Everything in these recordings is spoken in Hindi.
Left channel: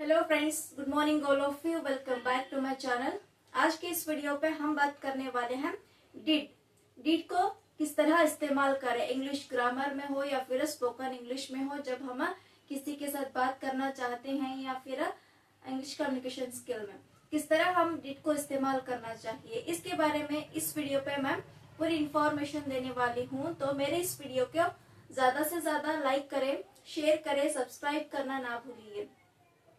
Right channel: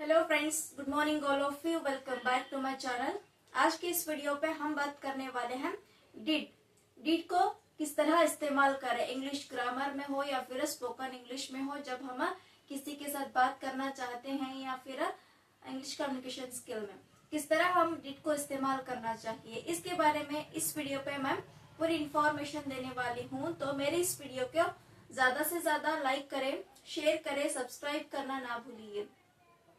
Hello friends, good morning all of you. Welcome back to my channel. आज के इस वीडियो पे हम बात करने वाले हैं डिड को किस तरह इस्तेमाल करें, इंग्लिश ग्रामर में हो या फिर स्पोकन इंग्लिश में हो, जब हम किसी के साथ बात करना चाहते हैं या फिर इंग्लिश कम्युनिकेशन स्किल में किस तरह हम डिड को इस्तेमाल करना चाहिए। इसके बारे में इस वीडियो पे मैं पूरी इंफॉर्मेशन देने वाली हूँ। तो मेरे इस वीडियो को ज्यादा से ज्यादा लाइक करें, शेयर करें, सब्सक्राइब करना ना भूलिए।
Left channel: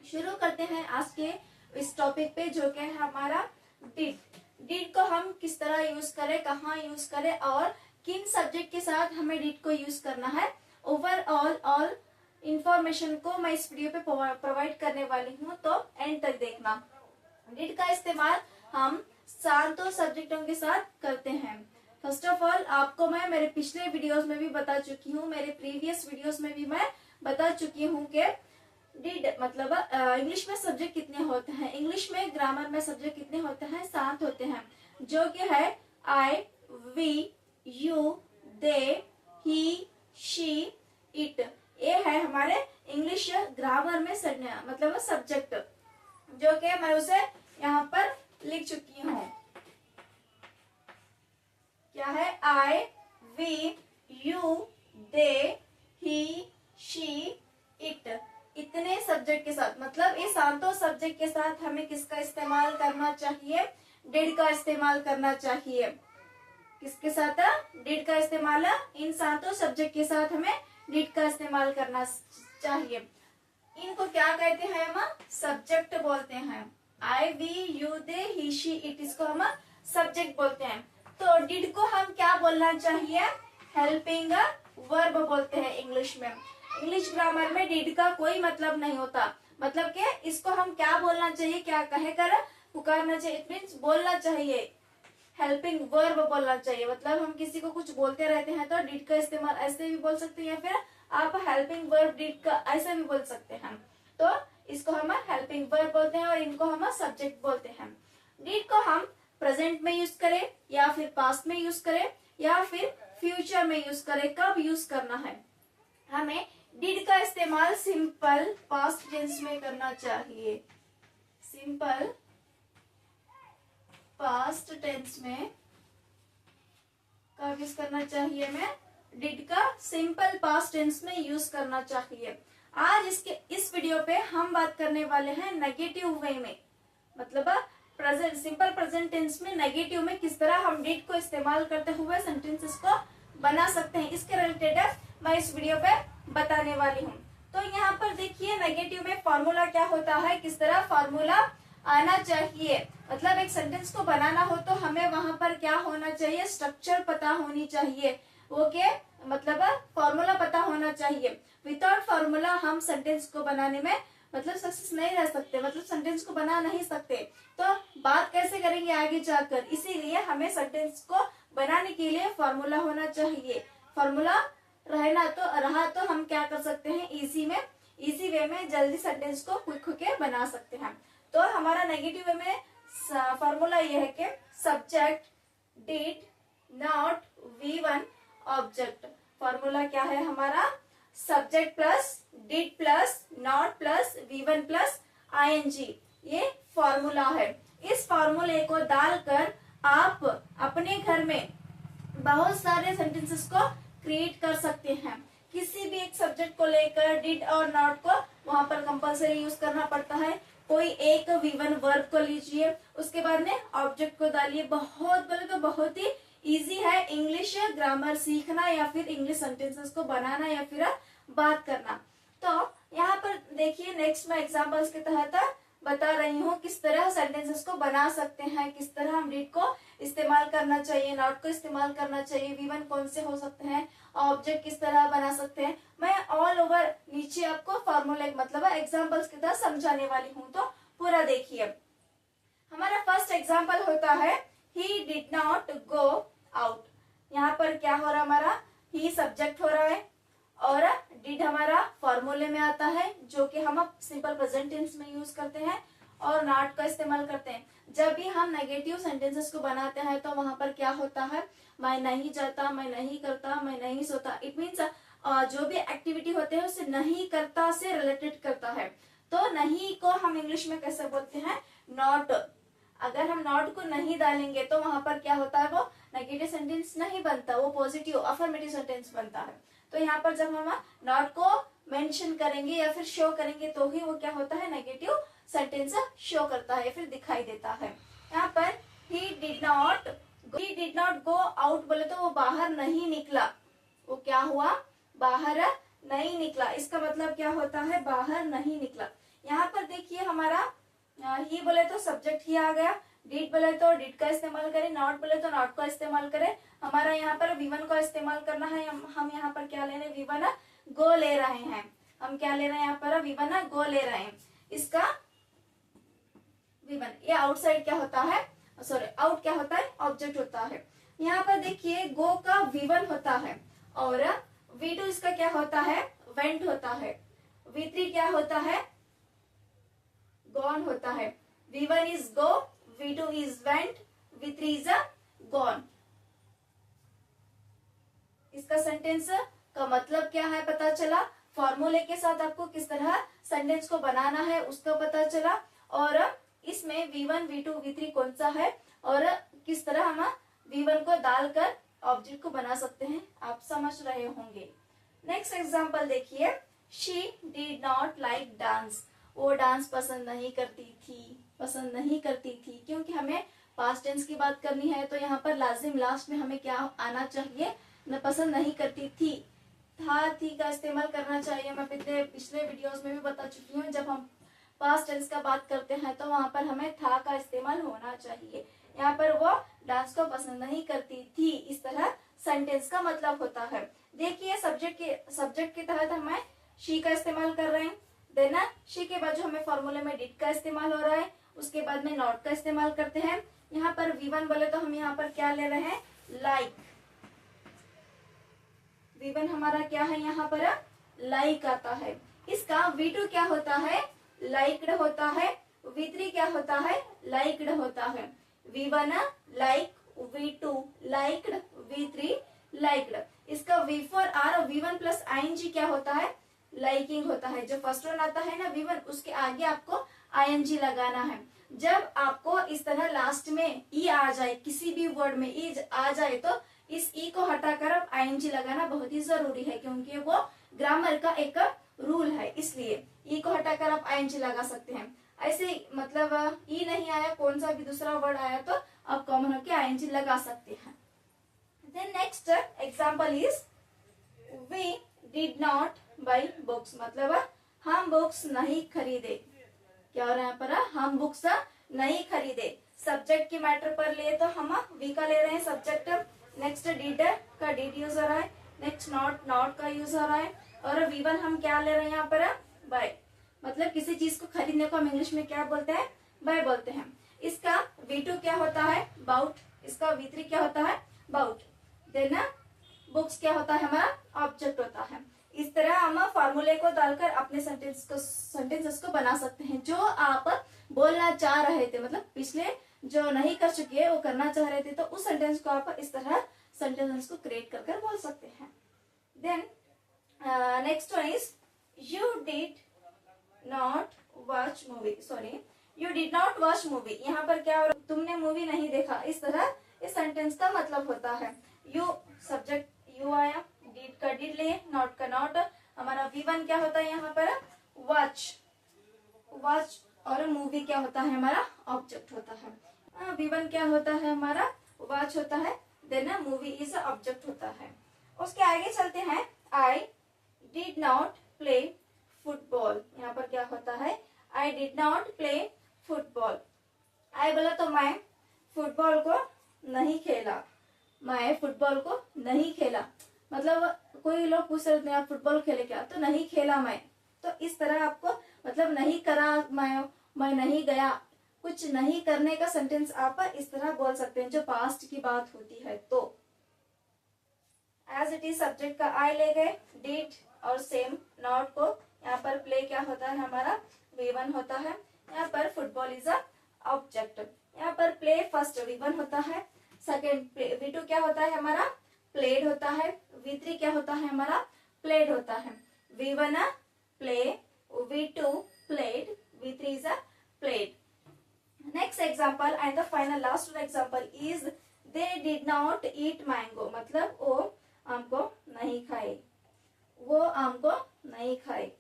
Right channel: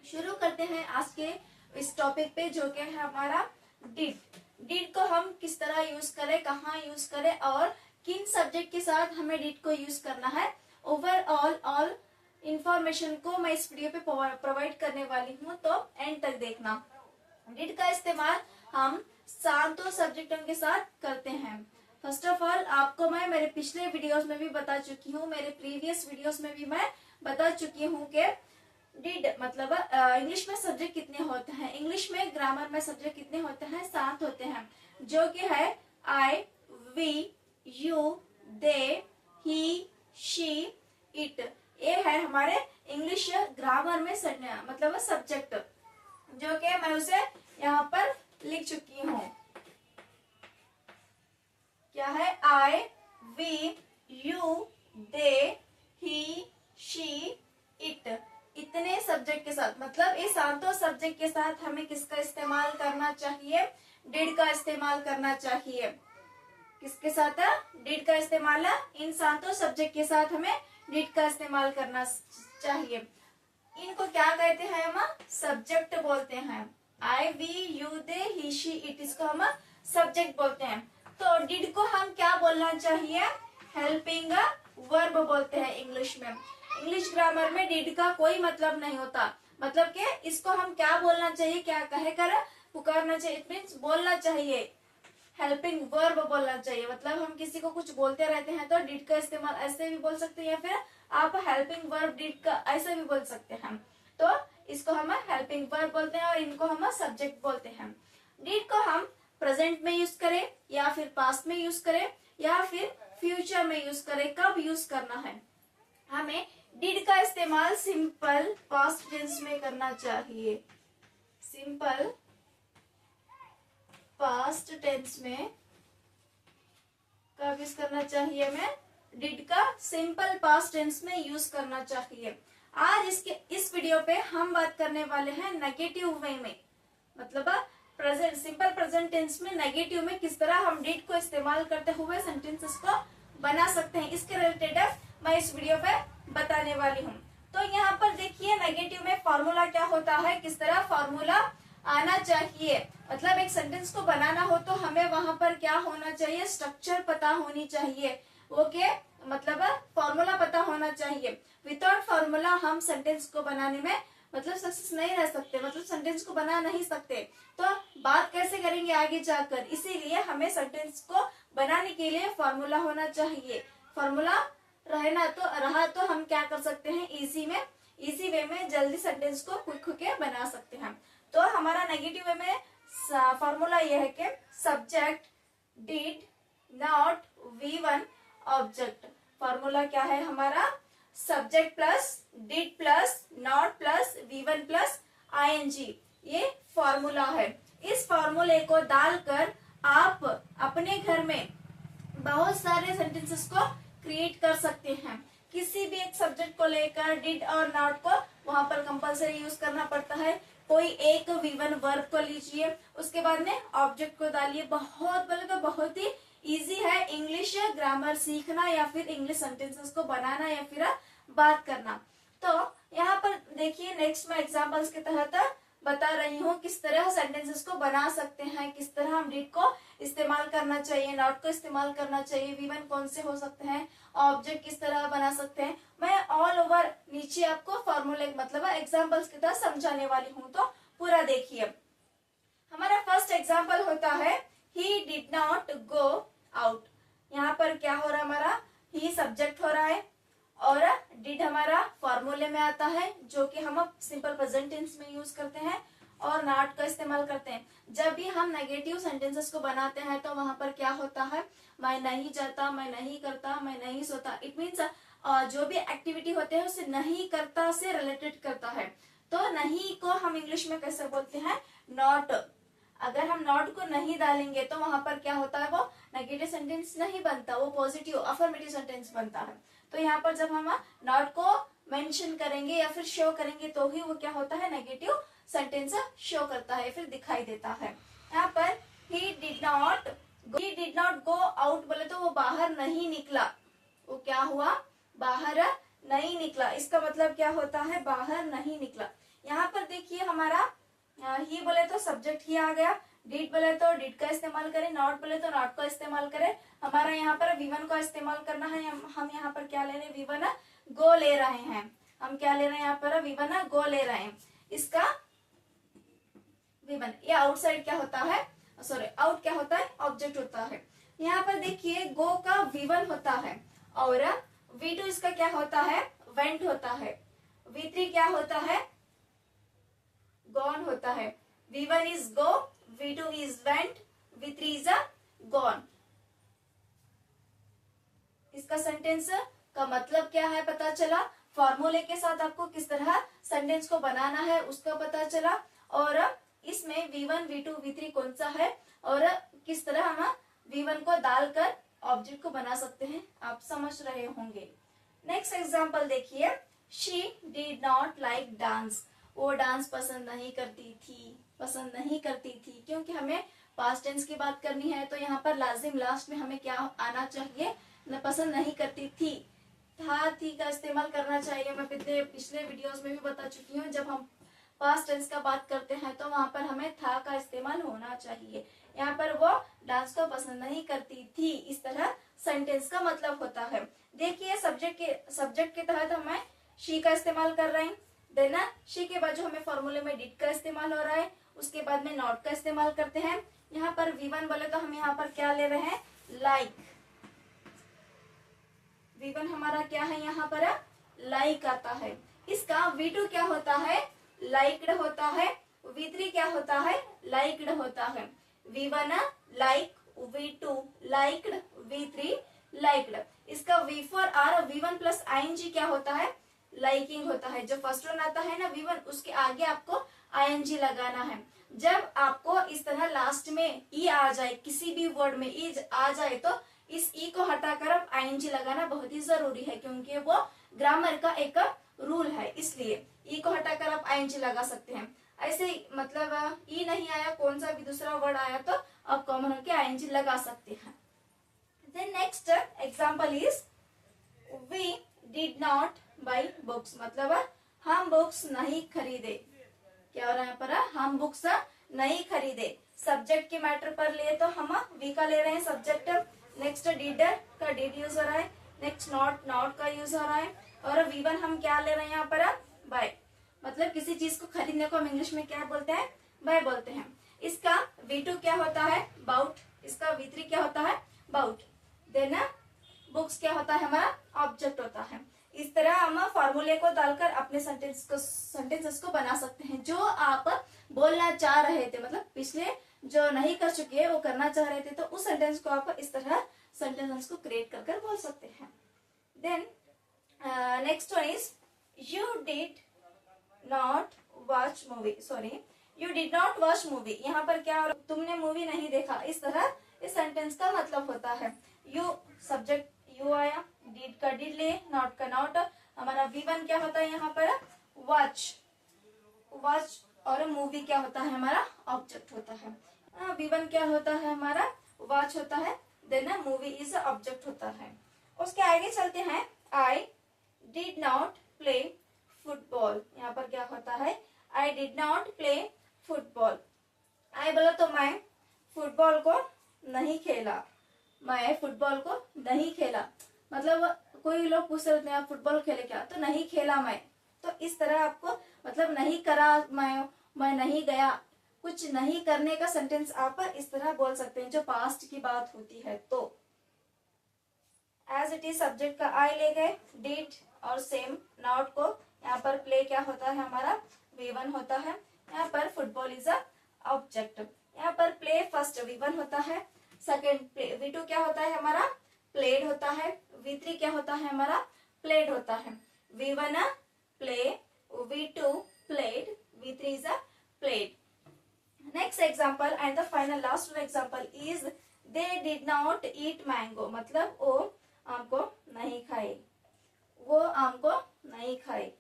शुरू करते हैं आज के इस टॉपिक पे, जो कि है हमारा डिड को हम किस तरह यूज करें, कहाँ यूज करें और किन सब्जेक्ट के साथ हमें डिड को यूज करना है। ओवरऑल ऑल इंफॉर्मेशन को मैं इस वीडियो पे प्रोवाइड करने वाली हूँ, तो एंड तक देखना। डिड का इस्तेमाल हम सातों सब्जेक्टों के साथ करते हैं। फर्स्ट ऑफ ऑल आपको मैं मेरे पिछले वीडियोस में भी बता चुकी हूँ, मेरे प्रीवियस वीडियोस में भी मैं बता चुकी हूँ कि डिड मतलब इंग्लिश में सब्जेक्ट कितने होते हैं, इंग्लिश में ग्रामर में सब्जेक्ट कितने होते हैं, 7 होते हैं, जो कि है I, we, you, they, he, she, it. ये है हमारे इंग्लिश ग्रामर में मतलब सब्जेक्ट, जो कि मैं उसे यहाँ पर लिख चुकी हूँ। क्या है? I, we, you, they, he, she, it. इतने सब्जेक्ट के साथ, मतलब ये सातों सब्जेक्ट के साथ हमें किसका इस्तेमाल करना चाहिए? डिड का इस्तेमाल करना चाहिए। किसके साथ? डिड का इस्तेमाल। इन सातों सब्जेक्ट के साथ हमें डिड का इस्तेमाल करना चाहिए। इनको क्या कहते हैं? हम सब्जेक्ट बोलते हैं। I, we, you, they, he, she, it, इसको हम सब्जेक्ट बोलते हैं। तो डिड को हम क्या बोलना चाहिए? हेल्पिंग वर्ब बोलते हैं इंग्लिश में। इंग्लिश ग्रामर में डिड का कोई मतलब नहीं होता, मतलब कि इसको हम क्या बोलना चाहिए, क्या कहकर पुकारना चाहिए। इट मीन्स बोलना चाहिए, हेल्पिंग वर्ब बोलना चाहिए। मतलब हम किसी को कुछ बोलते रहते हैं तो डिड का इस्तेमाल ऐसे भी बोल सकते हैं, या फिर आप हेल्पिंग वर्ब डिड का ऐसे भी बोल सकते हैं। तो इसको हम हेल्पिंग वर्ब बोलते हैं और इनको हम सब्जेक्ट बोलते हैं। डिड को हम प्रेजेंट में यूज करें या फिर पास्ट में यूज करें या फिर फ्यूचर में यूज करें, कब यूज करना है? हमें डिड का इस्तेमाल सिंपल पास्ट टेंस में करना चाहिए। सिंपल पास्ट टेंस में कब यूज करना चाहिए? हमें डिड का सिंपल पास्ट टेंस में यूज करना चाहिए। आज इस वीडियो पे हम बात करने वाले हैं नेगेटिव वे में, मतलब प्रेजेंट, सिंपल प्रेजेंट टेंस में नेगेटिव में किस तरह हम डिड को इस्तेमाल करते हुए सेंटेंसेस को बना सकते हैं। इसके रिलेटेड मैं इस वीडियो पे बताने वाली हूँ। तो यहाँ पर देखिए नेगेटिव में फॉर्मूला क्या होता है, किस तरह फॉर्मूला आना चाहिए। मतलब एक सेंटेंस को बनाना हो तो हमें वहां पर क्या होना चाहिए? स्ट्रक्चर पता होनी चाहिए, वो के मतलब फॉर्मूला पता होना चाहिए। विदाउट फॉर्मूला हम सेंटेंस को बनाने में मतलब सक्सेस नहीं रह सकते, मतलब सेंटेंस को बना नहीं सकते। तो बात कैसे करेंगे आगे जाकर, इसीलिए हमें सेंटेंस को बनाने के लिए फॉर्मूला होना चाहिए। फॉर्मूला रहा तो हम क्या कर सकते हैं? इजी वे में जल्दी सेंटेंस को क्विक होके बना सकते हैं। तो हमारा नेगेटिव वे में फॉर्मूला ये है कि subject did not V1 object. Formula क्या है हमारा? Subject plus did plus not plus V1 plus ING, ये फॉर्मूला है। इस फॉर्मूले को डालकर आप अपने घर में बहुत सारे सेंटेंसेस को क्रिएट कर सकते हैं। किसी भी एक सब्जेक्ट को लेकर डिड और नॉट को वहां पर कंपलसरी यूज करना पड़ता है। कोई एक V1 वर्ब को लीजिए, उसके बाद में ऑब्जेक्ट को डालिए। बहुत बोले तो बहुत ही इजी है इंग्लिश ग्रामर सीखना या फिर इंग्लिश सेंटेंसेस को बनाना या फिर बात करना। तो यहाँ पर देखिए नेक्स्ट मैं एग्जाम्पल्स के तहत बता रही हूँ किस तरह सेंटेंसेस को बना सकते हैं, किस तरह हम डिड को इस्तेमाल करना चाहिए, नॉट को इस्तेमाल करना चाहिए, V1 कौन से हो सकते हैं, ऑब्जेक्ट किस तरह बना सकते हैं। मैं ऑल ओवर नीचे आपको फॉर्मूले मतलब एग्जाम्पल्स की तरह समझाने वाली हूँ, तो पूरा देखिए। हमारा फर्स्ट एग्जाम्पल होता है he did not go out. यहाँ पर क्या हो रहा? हमारा ही सब्जेक्ट हो रहा है और डिड हमारा फॉर्मूले में आता है, जो कि हम सिंपल प्रेजेंट टेंस में यूज करते हैं और नॉट का इस्तेमाल करते हैं। जब भी हम नेगेटिव सेंटेंसेस को बनाते हैं तो वहां पर क्या होता है? मैं नहीं जाता, मैं नहीं करता, मैं नहीं सोता। इट मीन्स जो भी एक्टिविटी होते हैं उसे नहीं करता से रिलेटेड करता है। तो नहीं को हम इंग्लिश में कैसे बोलते हैं, नॉट। अगर हम नॉट को नहीं डालेंगे तो वहां पर क्या होता है, वो नेगेटिव सेंटेंस नहीं बनता, वो पॉजिटिव अफर्मेटिव सेंटेंस बनता है। तो यहाँ पर जब हम नॉट को मेंशन करेंगे या फिर शो करेंगे तो ही वो क्या होता है, नेगेटिव सेंटेंस शो करता है, फिर दिखाई देता है। यहाँ पर he did not go out बोले तो वो बाहर नहीं निकला, वो क्या हुआ, बाहर नहीं निकला। इसका मतलब क्या होता है, बाहर नहीं निकला। यहाँ पर देखिए हमारा ही बोले तो सब्जेक्ट ही आ गया, डिड बोले तो डिड का इस्तेमाल करें, नॉट बोले तो नॉट का इस्तेमाल करें। हमारा यहाँ पर वी1 का इस्तेमाल करना है। हम यहाँ पर क्या ले रहे हैं, वी1 गो ले रहे हैं। हम क्या ले रहे हैं यहाँ पर, वी1 गो ले रहे हैं। इसका वी1 ये आउटसाइड क्या होता है, सॉरी आउट क्या होता है, ऑब्जेक्ट होता है। यहाँ पर देखिए गो का वी1 होता है और वी2 इसका क्या होता है, वेंट होता है। वी3 क्या होता है, गॉन होता है। V one is go, V two is went, वी3 इज गॉन। इसका सेंटेंस का मतलब क्या है पता चला, फॉर्मूले के साथ आपको किस तरह सेंटेंस को बनाना है उसका पता चला, और इसमें वी1 वी2 वी3 कौन सा है और किस तरह हम वी1 को डालकर ऑब्जेक्ट को बना सकते हैं, आप समझ रहे होंगे। नेक्स्ट एग्जांपल देखिए, she did not like dance, वो डांस पसंद नहीं करती थी। क्योंकि हमें पास्ट टेंस की बात करनी है तो यहाँ पर लाजिम लास्ट में हमें क्या आना चाहिए, मैं पसंद नहीं करती थी, था थी का इस्तेमाल करना चाहिए। मैं पिछले वीडियोस में भी बता चुकी हूँ, जब हम पास्ट टेंस का बात करते हैं तो वहां पर हमें था का इस्तेमाल होना चाहिए। यहाँ पर वो डांस को पसंद नहीं करती थी, इस तरह सेंटेंस का मतलब होता है। देखिए सब्जेक्ट के तहत हमें शी का इस्तेमाल कर रहे हैं, देन शी के बाद जो हमें फॉर्मूले में डिड का इस्तेमाल हो रहा है, उसके बाद में नॉट का इस्तेमाल करते हैं। यहाँ पर वी1 बोले तो हम यहाँ पर क्या ले रहे हैं, लाइक। वी1 हमारा क्या है, यहाँ पर लाइक आता है। इसका वी2 क्या होता है, लाइक्ड होता है। वी3 क्या होता है, लाइक्ड होता है। वी1 लाइक, वी2 लाइक्ड, वी3 लाइक्ड। इसका वी4 आर वी1 प्लस आईएनजी क्या होता है, लाइकिंग होता है। जो फर्स्ट वन आता है ना वी1, उसके आगे आपको आईएनजी लगाना है। जब आपको इस तरह लास्ट में ई आ जाए, किसी भी वर्ड में ई आ जाए तो इस ई को हटाकर अब आईएनजी लगाना बहुत ही जरूरी है, क्योंकि वो ग्रामर का एक रूल है। इसलिए ई को हटाकर आप आईएनजी लगा सकते हैं। ऐसे मतलब ई नहीं आया, कौन सा भी दूसरा वर्ड आया तो आप कॉमन होकर आईएनजी लगा सकते हैं। Then next example is we did not buy books, मतलब हम बुक्स नहीं खरीदे। क्या हो रहा है पर, हम बुक्स नहीं खरीदे। सब्जेक्ट के मैटर पर लिए तो हम वी का ले रहे हैं सब्जेक्ट। नेक्स्ट डिड का डिड यूज हो रहा है। नेक्स्ट नॉट का यूज हो रहा है। और वी1 हम क्या ले रहे हैं यहाँ पर, बाय। मतलब किसी चीज को खरीदने को हम इंग्लिश में क्या बोलते हैं, बाय बोलते हैं। इसका वी2 क्या होता है, बाउट। इसका वी3 क्या होता है, बाउट। देन बुक्स क्या होता है, हमारा ऑब्जेक्ट होता है। इस तरह हम फॉर्मूले को डालकर अपने सेंटेंसेस को बना सकते हैं। जो आप बोलना चाह रहे थे, मतलब पिछले जो नहीं कर चुके वो करना चाह रहे थे, तो उस सेंटेंस को आप इस तरह सेंटेंस को क्रिएट कर बोल सकते हैं। Then next one is you did not watch movie, sorry you did not watch movie. यहाँ पर क्या, तुमने मूवी नहीं देखा। इस तरह इस सेंटेंस का मतलब होता है। यू सब्जेक्ट यू आया, डिड का डिड ले, नॉट का नॉट। हमारा वी1 क्या होता है यहाँ पर, वॉच। और मूवी क्या होता है, हमारा ऑब्जेक्ट होता है। वी1 क्या होता है, हमारा वॉच होता है। देन मूवी इज ऑब्जेक्ट होता है। उसके आगे चलते हैं, I did not play football. यहाँ पर क्या होता है, I did not play football. I बोला तो मैं फुटबॉल को नहीं खेला, मैं फुटबॉल को नहीं खेला। मतलब कोई लोग पूछ रहे थे आप फुटबॉल खेले क्या, तो नहीं खेला मैं। तो इस तरह आपको मतलब नहीं करा, मैं नहीं गया, कुछ नहीं करने का सेंटेंस आप इस तरह बोल सकते हैं जो पास्ट की बात होती है। तो एज इट इज सब्जेक्ट का आई ले गए, डिड और सेम नॉट को। यहाँ पर प्ले क्या होता है, हमारा वी1 होता है। यहाँ पर फुटबॉल इज अ ऑब्जेक्ट। यहाँ पर प्ले फर्स्ट वी1 होता है, सेकेंड वी2 क्या होता है, हमारा प्लेड होता है। वी3 क्या होता है, हमारा प्लेड होता है। V one play, V two played. V3 is a played. Next example and the final last one example is they did not eat mango. मतलब वो आम को नहीं खाए, वो आम को नहीं खाए।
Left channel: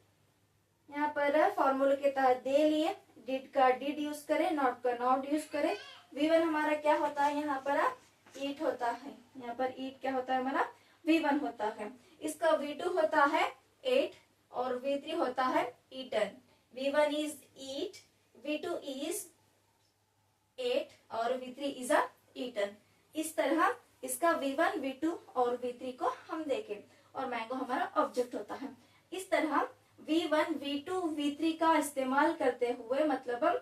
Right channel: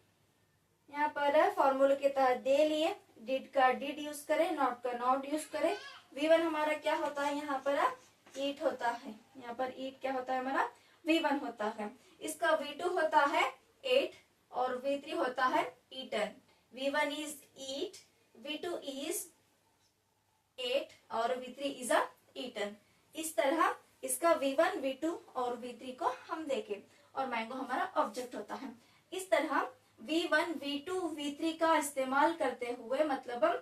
यहाँ पर फॉर्मूले के तहत दे लिए, डिड का डिड यूज करें, नॉट का नॉट यूज करें। V1 हमारा क्या होता है, यहाँ पर ईट होता है, यहाँ पर ईट क्या होता है हमारा V1 होता है। इसका V2 होता है 8 और V3 होता है eaten. V1 is eat, V2 is 8 और V3 इज अ ईटन। इस तरह इसका V1, V2 और V3 को हम देखें और मैंगो हमारा ऑब्जेक्ट होता है। इस तरह V1, V2, V3 का इस्तेमाल करते हुए मतलब हम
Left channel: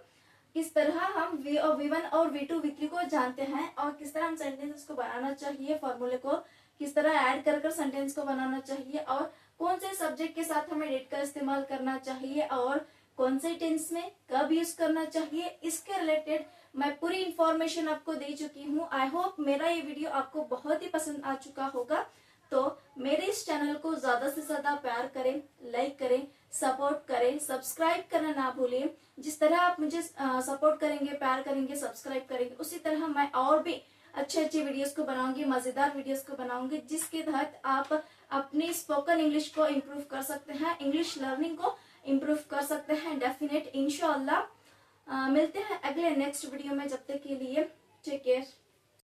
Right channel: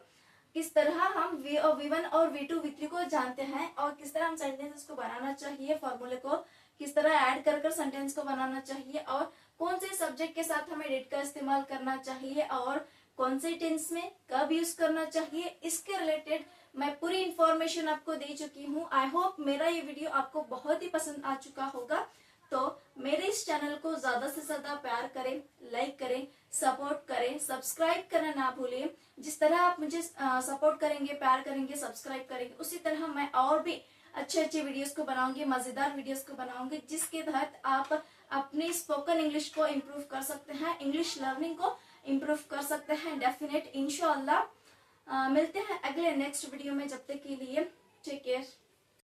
किस तरह हम V1 और V2, V3 को जानते हैं और किस तरह हम सेंटेंस को बनाना चाहिए, फॉर्मूले को किस तरह ऐड कर सेंटेंस को बनाना चाहिए और कौन से सब्जेक्ट के साथ हमें डिड का इस्तेमाल करना चाहिए और कौन से टेंस में कब यूज करना चाहिए, इसके रिलेटेड मैं पूरी इंफॉर्मेशन आपको दे चुकी हूँ। आई होप मेरा ये वीडियो आपको बहुत ही पसंद आ चुका होगा। तो मेरे इस चैनल को ज्यादा से ज्यादा प्यार करें, लाइक करें, सपोर्ट करें, सब्सक्राइब करना ना भूलिए। जिस तरह आप मुझे सपोर्ट करेंगे, प्यार करेंगे, सब्सक्राइब करेंगे, उसी तरह मैं और भी अच्छे अच्छे वीडियोस को बनाऊंगी, मजेदार वीडियोस को बनाऊंगी, जिसके तहत आप अपनी स्पोकन इंग्लिश को इम्प्रूव कर सकते हैं, इंग्लिश लर्निंग को इम्प्रूव कर सकते हैं डेफिनेट इंशाअल्लाह। मिलते हैं अगले नेक्स्ट वीडियो में, जब तक के लिए टेक केयर।